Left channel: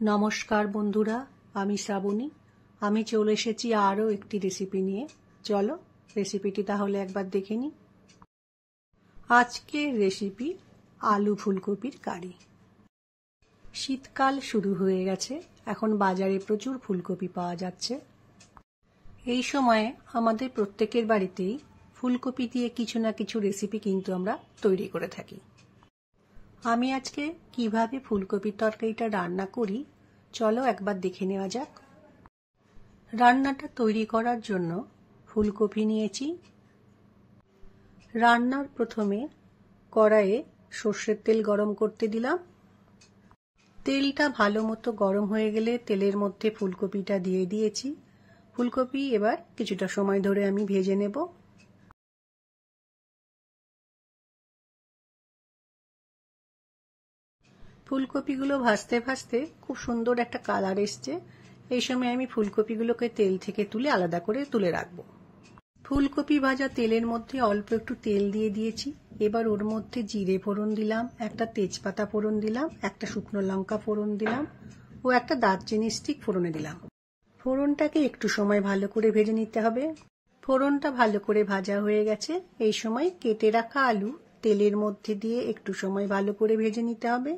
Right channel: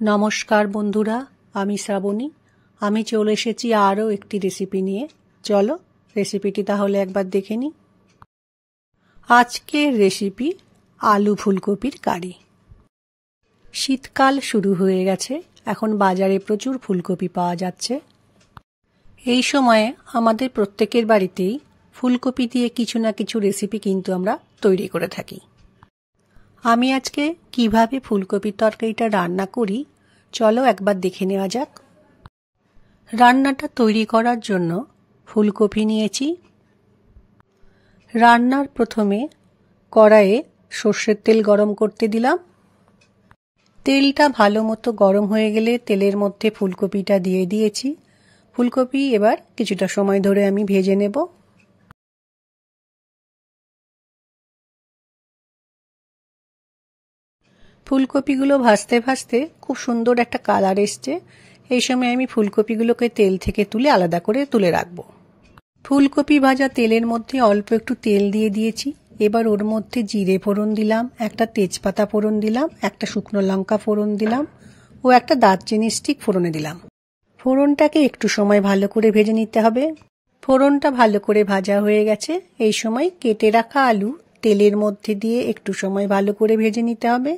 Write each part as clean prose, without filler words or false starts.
নমস্কার বন্ধুরা, আমি শ্রাবণী। আমি চলে এসেছি আরও একটি রেসিপি নিয়ে। চলো রেসিপিটি তাহলে একবার দেখে নিই। আজকের রেসিপি আলু ফুলকপির কারি। শীতকাল শুরু হয়ে গেছে, এখন বাজারে প্রচুর ফুলকপি পাওয়া যাচ্ছে। এই সময়ে আমাদের প্রত্যেকের বাড়িতেই ফুলকপি দিয়ে কিছু না কিছু রেসিপি কিন্তু আমরা তৈরি করে থাকি। আমি আজকে কিভাবে ফুলকপির তরকারিটা রান্না করি চলো একবার দেখে নেওয়া যাক। রান্নাটা তৈরি করার জন্য ফুলকপি নিয়েছি। রান্নার প্রথমে কড়াইয়ে সর্ষের তেল গরম করতে দিলাম। তেলটা ভালো মতো গরম হয়ে গেলে তেলের মধ্যে ফুলকপিটা দিয়ে দিয়েছি। ফুলকপি এবার কিছুটা সময় ধরে আমি ভেজে নেব। ফুলকপিগুলো ভাজতে ভাজতে খুব সুন্দর একটা কালার এসছে। এই সময় আমি ফুলকপিগুলোকে তেল থেকে তুলে আলাদা করে তুলে রাখবো। ফুলকপি ভাজা তেলের মধ্যে অল্প একটু তেল দিয়ে দিয়েছি। এবার ওর মধ্যে জিরে ফোড়ন দিলাম, একটা তেজপাতা ফোড়ন দিলাম, একটা শুকনো লঙ্কা ফোড়ন দিলাম ও একটা দারচিনি স্টিক ফোড়নে দিলাম। ফোড়নটাকে একটু সময় ভালো করে ভেজে নিতে হবে। ফোড়নটা ভালো করে ভাজা হয়ে গেছে। এই সময় কেটে রাখা আলু তেলের মধ্যে দিয়ে একটু সময় ভালো করে ভেজে নিতে হবে।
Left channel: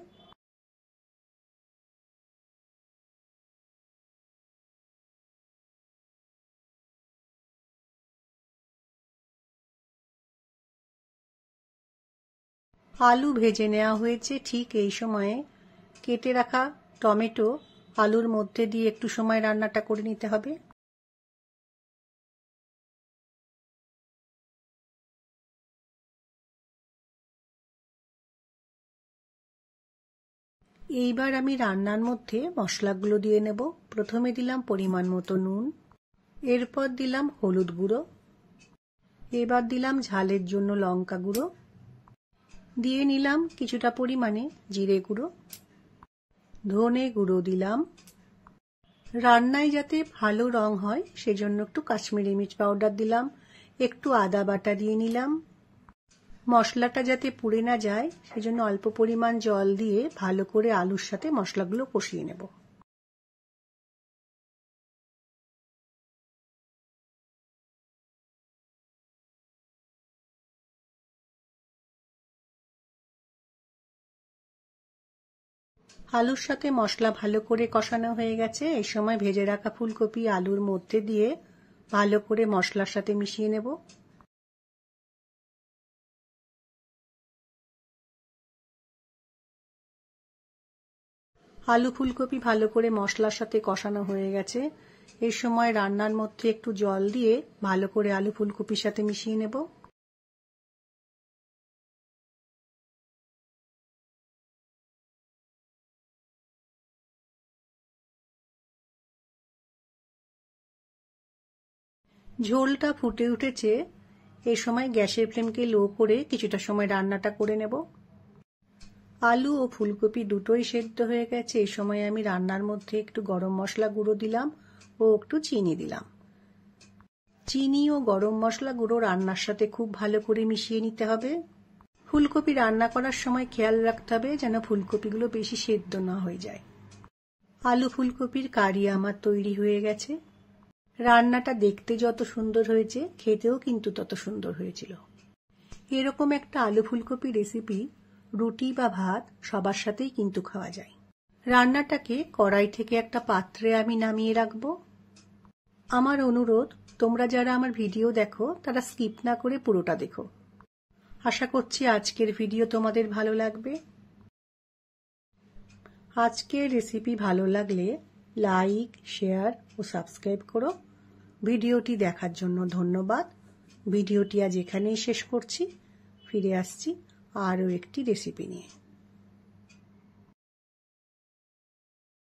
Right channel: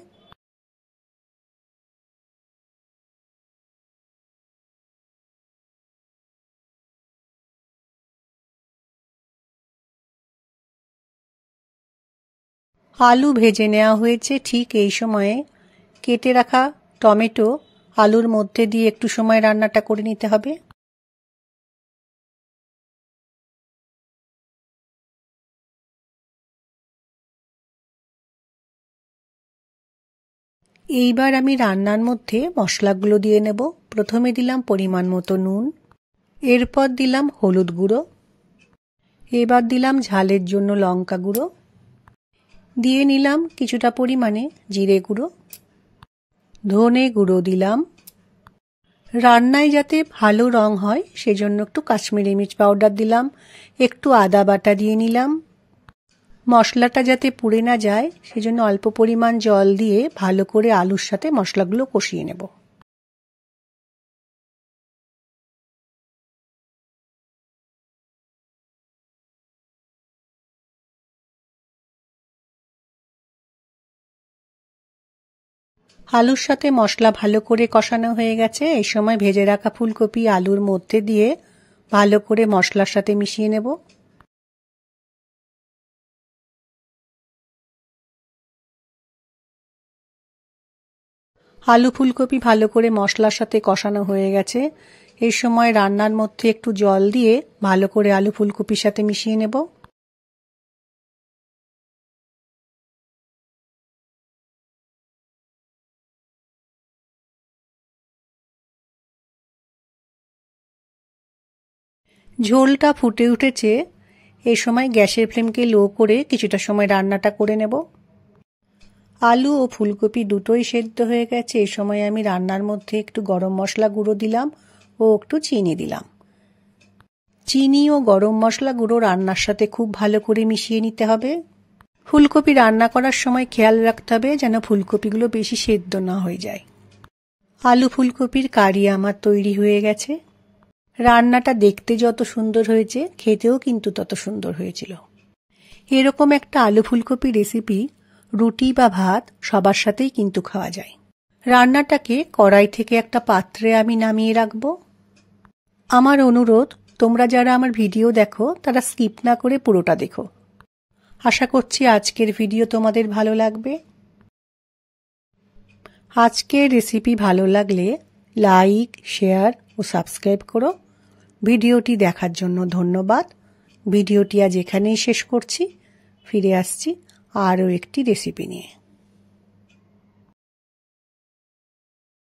আলু ভেজে নেওয়া হয়েছে। ঠিক এই সময়ে কেটে রাখা টমেটো আলুর মধ্যে দিয়ে একটু সময় রান্নাটা করে নিতে হবে। এইবার আমি রান্নার মধ্যে মশলাগুলো দিয়ে নেব। প্রথমে দিলাম পরিমাণ মতো নুন, এরপর দিলাম হলুদ গুঁড়ো, এবার দিলাম ঝালের জন্য লঙ্কা গুঁড়ো, দিয়ে নিলাম কিছুটা পরিমাণে জিরে গুঁড়ো, ধনে গুঁড়ো দিলাম। রান্নায় যাতে ভালো রং হয় সেজন্য একটু কাশ্মীরি মির্চ পাউডার দিলাম। একটু আদা বাটা দিয়ে নিলাম। মশলাটা যাতে পুড়ে না যায় সেজন্য অল্প পরিমাণ জল দিয়ে ভালো করে আলুর সাথে মশলাগুলো কষিয়ে নেব। আলুর সাথে মশলা ভালো করে কষানো হয়ে গেছে। এই সময় ভেজে রাখা ফুলকপি আলুর মধ্যে দিয়ে ভালো করে মশলার সাথে মিশিয়ে নেব। আলু ফুলকপি ভালো করে মশলার সাথে কষানো হয়ে গেছে। এই সময় রান্নার মধ্যে একটু জল দিয়ে ভালো করে আলু ফুলকপির সাথে মিশিয়ে নেব। ঝোলটা ফুটে উঠেছে। এই সময় গ্যাসের ফ্লেমকে লো করে কিছুটা সময় রান্নাটা করে নেব। আলু ও ফুলকপি দুটোই সেদ্ধ হয়ে গেছে। এই সময় আমি রান্নার মধ্যে একটু গরম মশলা গুঁড়ো দিলাম ও একটু চিনি দিলাম। চিনি ও গরম মশলা গুঁড়ো রান্নার সাথে খুব ভালো করে মিশিয়ে নিতে হবে। ফুলকপি রান্না করার সময় খেয়াল রাখতে হবে যেন ফুলকপিগুলো বেশি সেদ্ধ না হয়ে যায়। আলু ফুলকপির কারি আমার তৈরি হয়ে গেছে। রান্নাটা দেখতে যত সুন্দর হয়েছে খেতেও কিন্তু তত সুন্দর হয়েছিল। এরকম একটা আলু ফুলকপি রেসিপি রুটি বা ভাত সবার সাথেই কিন্তু খাওয়া যায়। রান্নাটাকে কড়াই থেকে একটা পাত্রে আমি নামিয়ে রাখবো। আমার অনুরোধ, তোমরা যারা আমার ভিডিও দেখো তারা স্কিপ না করে পুরোটা দেখো। আশা করছি আজকের ভিডিও তোমাদের ভালো লাগবে। আজকের রেসিপি ভালো লাগলে লাইক, শেয়ার ও সাবস্ক্রাইব করো। ভিডিওটি দেখার জন্য ধন্যবাদ। ভিডিওটি আজ এখানেই শেষ করছি। ফিরে আসছি আরও একটি রেসিপি নিয়ে।